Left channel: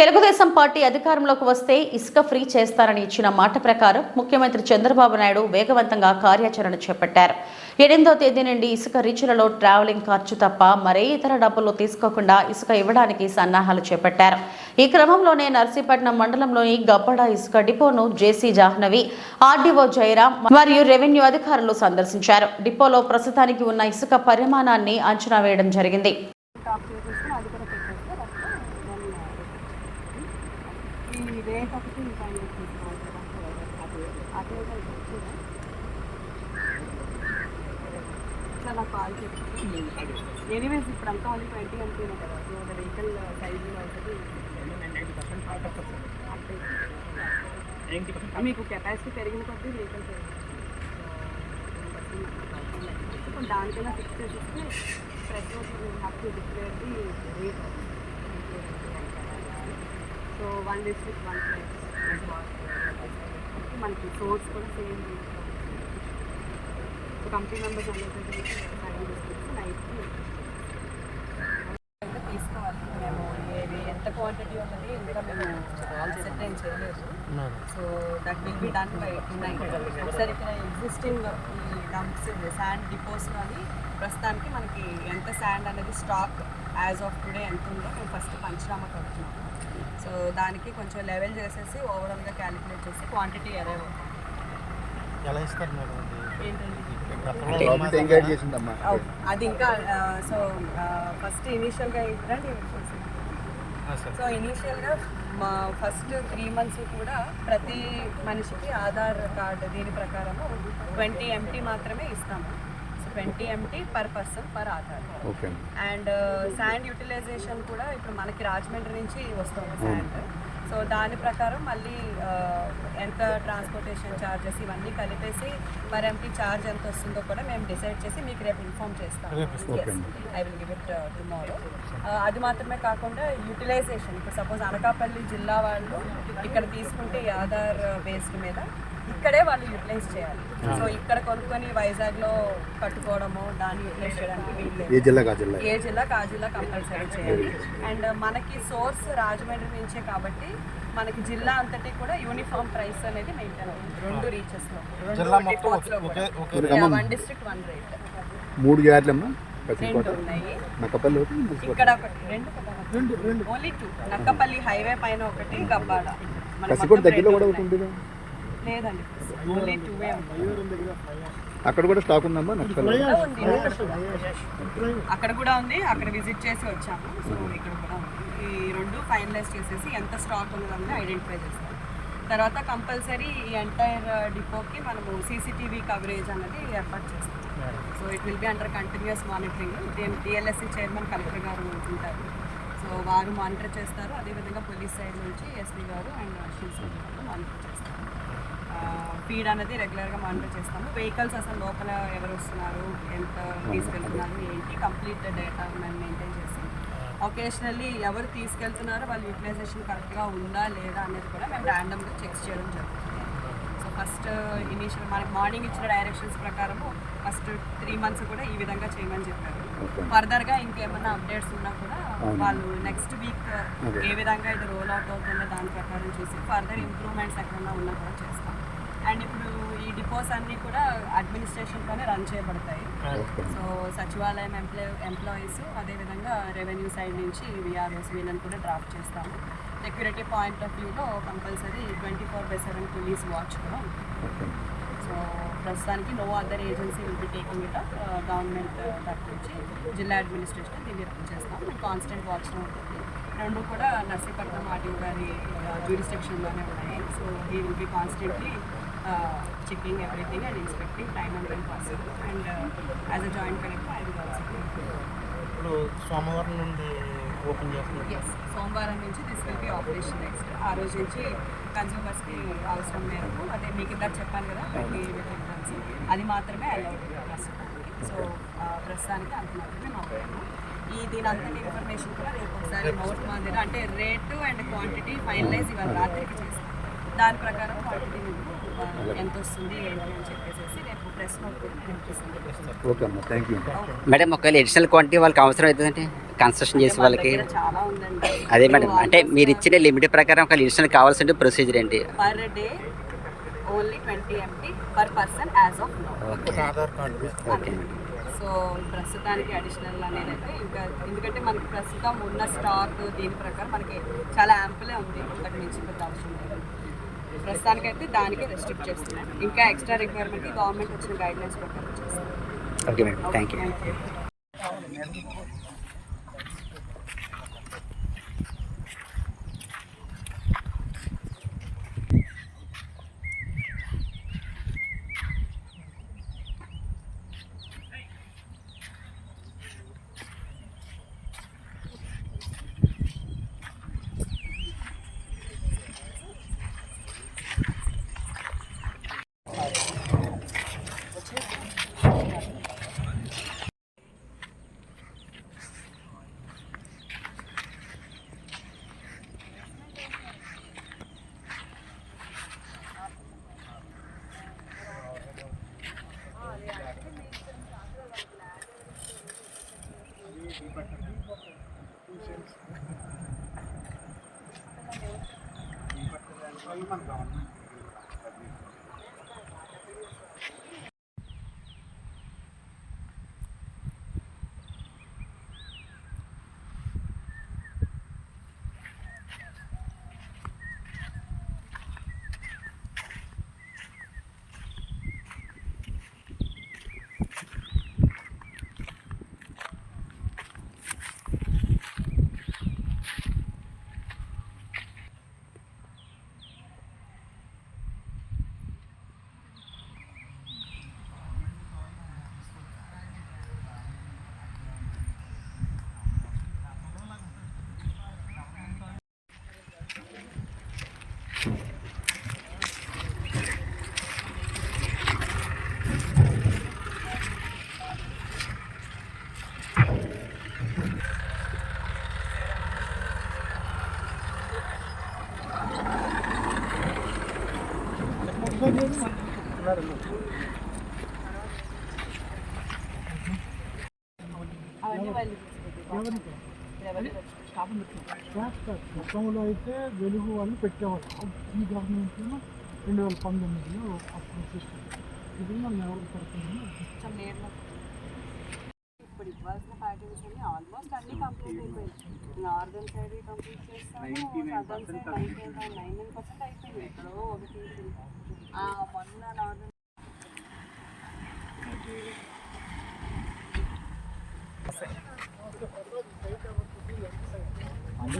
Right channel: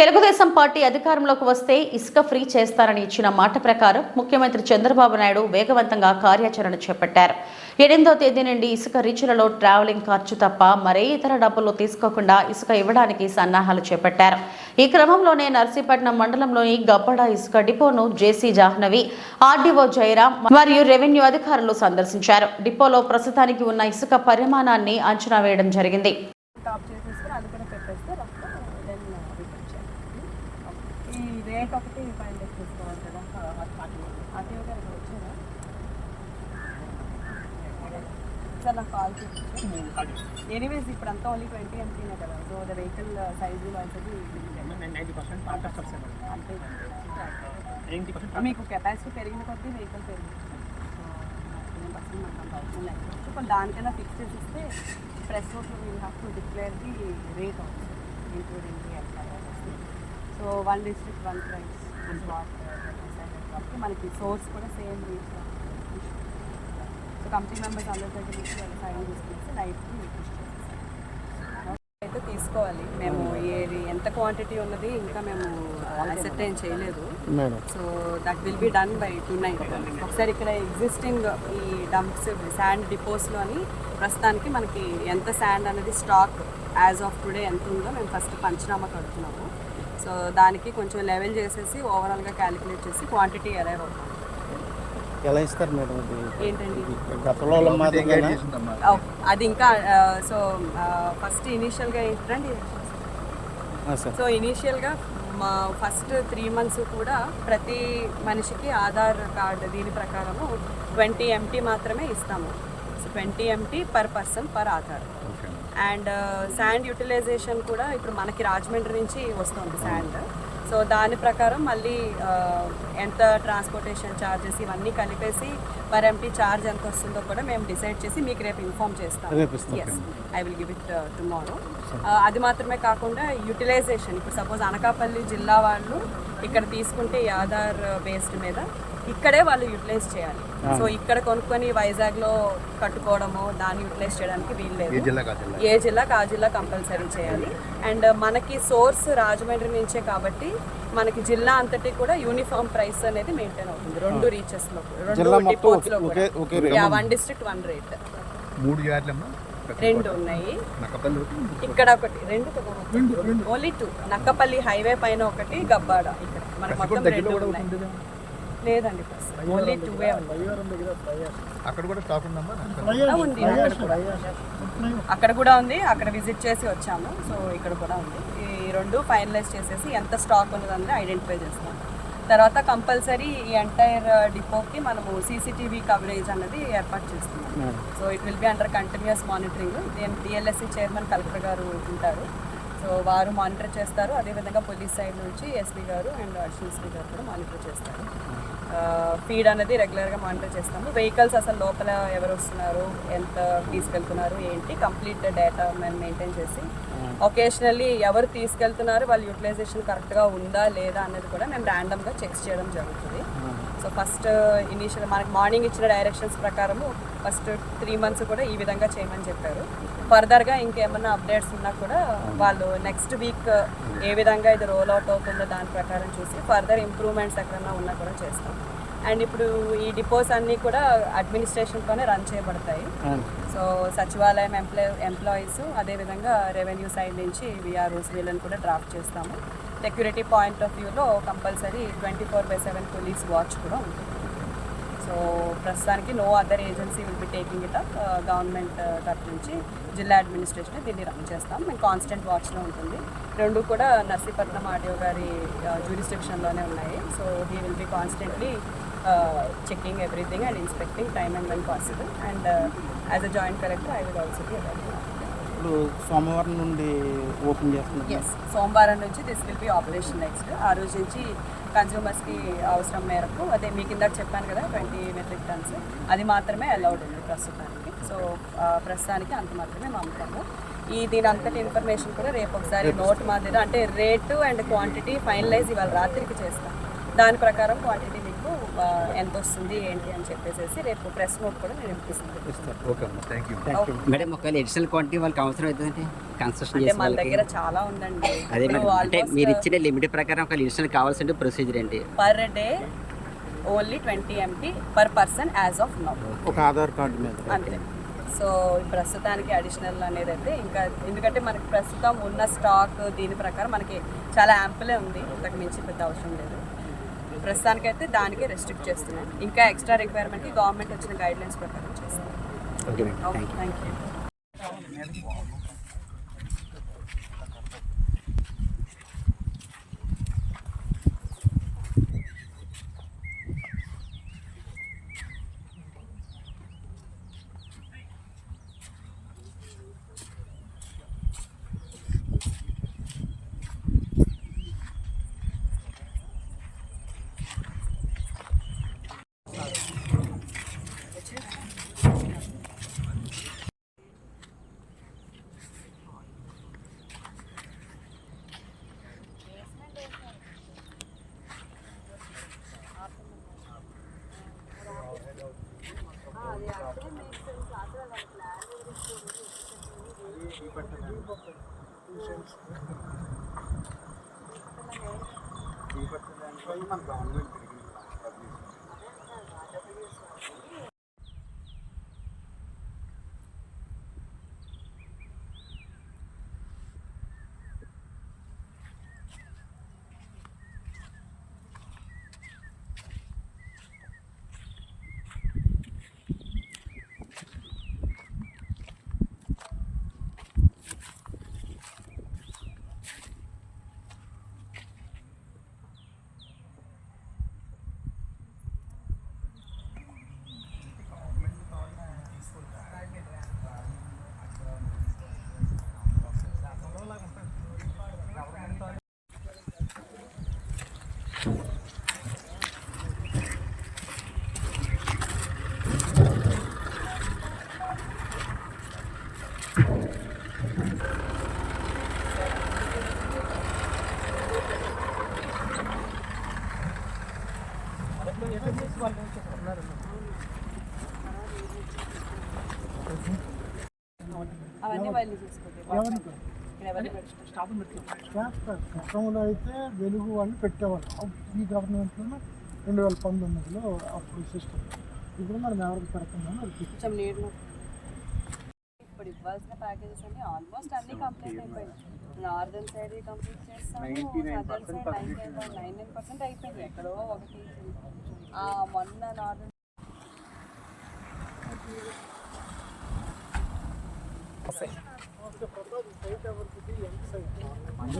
Telugu Desam party అధికారంలోకి వస్తే ఇసుక ఫ్రీ చేస్తారని ఇచ్చిన మాట ప్రకారం ముఖ్యమంత్రి చంద్రబాబు నాయుడు వేగవంతంగా కార్యాచరణ చేపట్టారు. ఎనిమిదో తేదీ నుండి ఇసుక రీచ్లలో ట్రావెలింగ్ ఖర్చు తప్ప మరే ఇతర డబ్బులు తీసుకోకుండా ఇసుక ఇవ్వడానికి సన్నాహాలు చేపట్టారు. ఈ క్రమంలోనే నర్సీపట్నం మండలంలోని గబ్బడ ఇసుక డిపోను జేసీ జాహ్నవి ఆర్డీఓ జయరాం మరియు రెవెన్యూ అధికారులు సందర్శించారు. డిపోలో ప్రస్తుతానికి ఉన్న ఇసుక పరిమాణాన్ని అంచనా వేయడం జరిగింది టాప్ చేసేస్తే అది కూడా పెట్టేస్తే దెన్ ఈ రేట్ ఒకటి ఫైవ్ తీసుకోవాలి కదా అటు అటు వచ్చేదా సార్ నాకు కాల్ చేసి ఎనీవేస్ ఇప్పుడు అంతా ఓన్లీ ట్వంటీ ఎంపీనే కదా. సో ఒక వెహికల్ సైజు అది నైంటీ పర్సెంట్ కాంటాక్ట్ వస్తుంది అంతే. నైంటీ పర్సెంట్ మీకు కెపాసిటీ పెరిగిన కొద్దీ వెహికల్ దానికన్నా ఫిక్స్ చేసేస్తే fresh have to declare the rate so one district one price మనకి సోర్స్ కూడా సేమ్ రేట్ కంపెనీ మెంబర్స్ అందరితో నైట్కి అయితే తీసుకోవాలి. మేము ఏది ఎంత క్వాంటిటీ ఉన్నది ఇంకా మేము అసెప్టైన్ చేయలేదు. So that will be done by tonight ఒకసారి ఇక్కడ ఎగ్జిస్టింగ్ ఈ డంప్స్ శాండ్ డిపోస్లోని ప్రస్తుతానికి మనకి ఎంత శాండ్ అనేది స్టాక్ యాజ్ ఆఫ్ టుడే ఎంత ఉందో మేము ఫస్ట్ పంచనామా కడుతున్నాము. సో దానికి కొంచెం లెవెల్ చేసేసి ఓవరాల్గా క్యాలిక్యులేట్ చేసి క్వాంటిటీ అరైవ్ అవుతాం ఎలా ఇస్తారు మేడం గతంలో అది ఇంకా సో ఫస్ట్ ఇనీషియల్గా ఏంటంటే సో ఇనీషియల్గా మా ఫస్ట్ త్రీ మంత్స్ కూడా ప్రతి మనిషికి ఆధార్ కార్డు దీని ప్రకారము ట్వంటీ ఎంటీ మాత్రమే ఇస్తాము. So twenty MT per person per Aadhaar. And sand utilization కూడా ఇప్పుడు మనకి రాజమండ్రి నుంచి వస్తుంది శాండ్ సో దాని ప్రకారం మళ్ళీ ఎంత ట్రాన్స్పోర్టేషన్ ఛార్జెస్ ఇవన్నీ కలిపేసి మరి ఎంటీ ఛార్జ్ ఎంత వస్తుందో కూడా మేము డిసైడ్ చేసి మీకు రేపు ఇన్ఫామ్ చేస్తాం. Yes I will give it tomorrow అది మాత్రమే కాకుండా యూటిలైజేషన్ ఇప్పుడు సపోజ్ అనకాపల్లి జిల్లా వాళ్ళు ఇక్కడ తీసుకుంటే ఈ ఆధార్ బేస్డ్ మీద ఇక్కడే వాళ్ళు యూటిలైజ్ చేయాలి. సో ఇక్కడ కొనుక్కొని వైజాగ్లో కట్టుకోవడము దాన్ని యూటిలైజ్ చేయడానికి వీల్లేదు. ఏ జిల్లా కా జిల్లా? ఏ జిల్లాకి ఆ జిల్లా కంపల్సరీ చేయాలి. అండ్ మనకి సోర్స్ రాజమండ్రి నుంచే కాబట్టి మనకి జిల్లా అంతటి కూడా యూనిఫామ్ ప్రైస్ అనేది మెయింటైన్ అవుతుంది. రెండు రీచెస్లో రెండు లో వన్ డిస్ట్రిక్ట్ వన్ రేట్. మూడు రెండు ఉన్నాయి. ఇక్కడ ఒకటి రెండు కదా ఓన్లీ టూ. నక్కపల్లి హైవే పైన ఒకటి గబ్బాడ ఇక్కడ. మన మొత్తం లేదండి ఓన్లీ టూ అక్కడ కూడా స్టాక్ ఉందమ్మా? ఉంది. అక్కడ కూడా ఉంది అక్కడ విజిట్ చేసి వచ్చాము. సో ఇక్కడ కూడా ఉంది. ఈ రెండు ఫైనలైజ్ చేసేసి ఎంత స్టాక్ ఉన్నదని ఐడెంటిఫై చేస్తాం. తర్వాత కంపల్సరీ ఈ ఎంటైర్ డిపోకి మనము సీసీటీవీ కవరేజ్ అన్నది ఏర్పాటు చేస్తున్నాం. So it will be under continuous monitoring DLSC chairman collector గారు ఉంటారు. సో వారు మానిటర్ చేస్తారు. అదేవిధంగా పోలీస్ సైడ్ నుంచి ఎస్పీ గారు అండ్ సిఎస్పీ గారు కూడా మానిటర్ చేస్తారు. ఫీడ్ అనేది రెగ్యులర్గా మానిటర్ చేస్తాము. వెహికల్స్ అసలు లోపల ఎవరు వస్తున్నారు ఎంత తీసుకెళ్తున్నారు ఏంటి కంప్లీట్ డేటా మేము మెయింటైన్ చేసి ఒకేషనల్లీ ఎవరు తీసుకెళ్తున్నారు వాళ్ళ యూటిలైజేషన్ కరెక్ట్గా ఉందా లేదా అనేది కూడా మేము ర్యాండమ్గా చెక్ చేయడం జరుగుతుంది. సో ఫస్ట్ ఇనీషియల్ మనకి మార్నింగ్ ఇచ్చిన డైరెక్షన్స్ ప్రకారము ఫస్ట్ త్రీ మంత్స్ కూడా ఈ విధంగా చేయమని చెప్పారు. ఫర్దర్గా ఇంకేమన్నా అప్డేట్స్ ఉన్నా కూడా వాళ్ళు నెక్స్ట్ వీక్ ఏ విధంగా ఇది రోల్ అవుట్ అవుతుందో దాని ప్రకారం చూసి ఫర్దర్ ఇంప్రూవ్మెంట్స్ ఎక్కడన్నా ఉన్నా కూడా చేస్తాం. అండ్ ఇప్పుడు ఈ డిపోస్ అన్నీ కూడా అడ్మినిస్ట్రేషన్తోనే రన్ చేయబడతాయి. సో సచివాలయం ఎంప్లాయ్ ఎంప్లాయీస్ అదేవిధంగా రెవెన్యూ సైడ్ నుంచి విఆర్ఓస్ వీళ్ళని కూడా డ్రాఫ్ట్ చేస్తాము. సెక్యూరిటీ పాయింట్ ఆఫ్ వ్యూలో compulsory twenty four by seven police watch కూడా ఉంటుంది. సో ప్రస్తుతానికి no other agency will be taking it up government తరఫు నుంచి జిల్లా అడ్మినిస్ట్రేషన్ దీన్ని రన్ చేస్తాం. మేము కాన్స్టెంట్ వాచ్లో ఉంటుంది. రెండు కూడా నర్సీపట్నం ఆర్డీఓ గారి uh, జ్యూరిస్ట్రిక్షన్లోనే ఉన్నాయి. So he will be constantly checking everything and inspecting time and when possible and as a joint collector I will also be ఇప్పుడు సోమవారం నుండి ఓపెన్ చేస్తుంది ఎస్ సోమవారం నుంచి this will be operation next ఆ రోజు నుంచి కన్జ్యూమర్స్కి అవసరం మేరకు అదే మీకు ఇందాక చెప్పాను కదా ట్వంటీ మెట్రిక్ టన్స్ అది మాత్రమే అలౌడ్ ఉంది ప్రస్తుతానికి. సో ప్రస్తుతానికి అంత మాత్రమే నమ్ముతాము. ఈ దీని అంతటి ఇన్ఫర్మేషన్ కూడా రేపు ఒకసారి నోట్ మాదిరి అంటే రేటు అండ్ క్వాంటిటీ ఫైనలైజ్ ఇవాళ రాత్రికి చేస్తాం. దాని ప్రకారం క్వాంటిటీ మీకు ఎంత వస్తుంది ఏంటి అని చెప్పేసి రేపు ప్రెస్ నోట్ కూడా నేను ఇప్పిస్తాను మేడం ఒకవేళ అడిషనల్ క్వాంటిటీ వాళ్ళకి అవసరం అవుతుందంటే కన్స్ట్రక్షన్ చేసే వాళ్ళకి? చాలా ఉందండి. అదే మేడం అంటే మీరు ఇచ్చిన లిమిట్ ప్రకారం ఒక అడిషనల్ కావాల్సిన ప్రొసీజర్ ఏంటి? Per day only twenty MP per person as of now Aadhaar card అంతే. సో ప్రస్తుతానికి అడిషనల్ అనేది అయితే ఇంకా ఎందుకంటే మనకి ప్రస్తుతం ఉన్న స్టాక్ దీని ప్రకారం మనకి చాలా యాంపులే ఉంది. అంతకు మించి పెద్ద అవసరం లేదు. ప్రస్తుతానికైతే దానికి రెస్ట్రిక్ట్ చేస్తున్నాం ఇంకా ఎక్స్ట్రా రిక్వైర్మెంట్కి గవర్నమెంట్ వచ్చిన గైడ్ లైన్స్ ప్రకారం చేస్తాం okay madam thank you thank you అవన్నీ వాళ్ళు చూసుకుంటారు గతంలో అయితే వెలుగు వాళ్ళు పెట్టేవాళ్ళు. ఈ గవర్నమెంట్లో రెండు వేల పంతొమ్మిదిలో అప్పుడు సిస్టమ్ ఇప్పుడు మనం ఎవరికి పెడుతున్నామో కొంచెం నీళ్ళు ఇప్పుడు ఇవ్వాల్సిన ప్యాకేజెస్ అన్ని ఆల్మోస్ట్ అన్ని కంప్లీట్ అయిపోయాయి. నార్దర్న్ సైడ్ కంప్లీట్ చేస్తాము అయిపోయింది నైన్ నైన్ పర్సెంట్ అయిపోయింది. ఎక్కడో ఒకటి. ఆ, మొన్న నార్దర్న్ అందుకే గవర్నమెంట్ ఇదేం సైడ్ ఇది నమస్తే మేడం మంది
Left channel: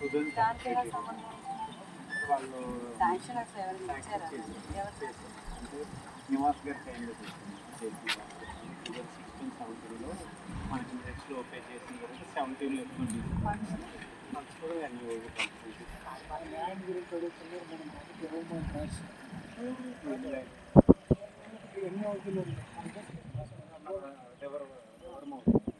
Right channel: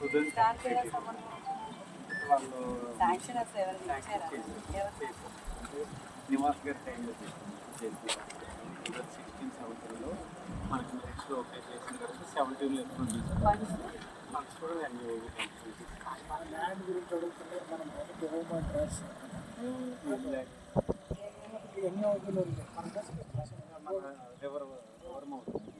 ఎలా సంబంధం వాళ్ళు శాంక్షన్ అసలు ఎవరైనా ఇచ్చారా ఎవరు నివాస్ గారి టైంలో సిక్స్టీన్ సెవెంటీన్లో మనకి నెక్స్ట్ ఓకే చేసిన తర్వాత సెవెంటీన్లో ఎక్కువ మనకు కూడా అన్ని ల్యాండ్ గురించి అడుగుతున్నారు. మనం గవర్నమెంట్ రాసి ఎన్ని అవుతుంది ఎవరు ఎవరు? అవుతుంది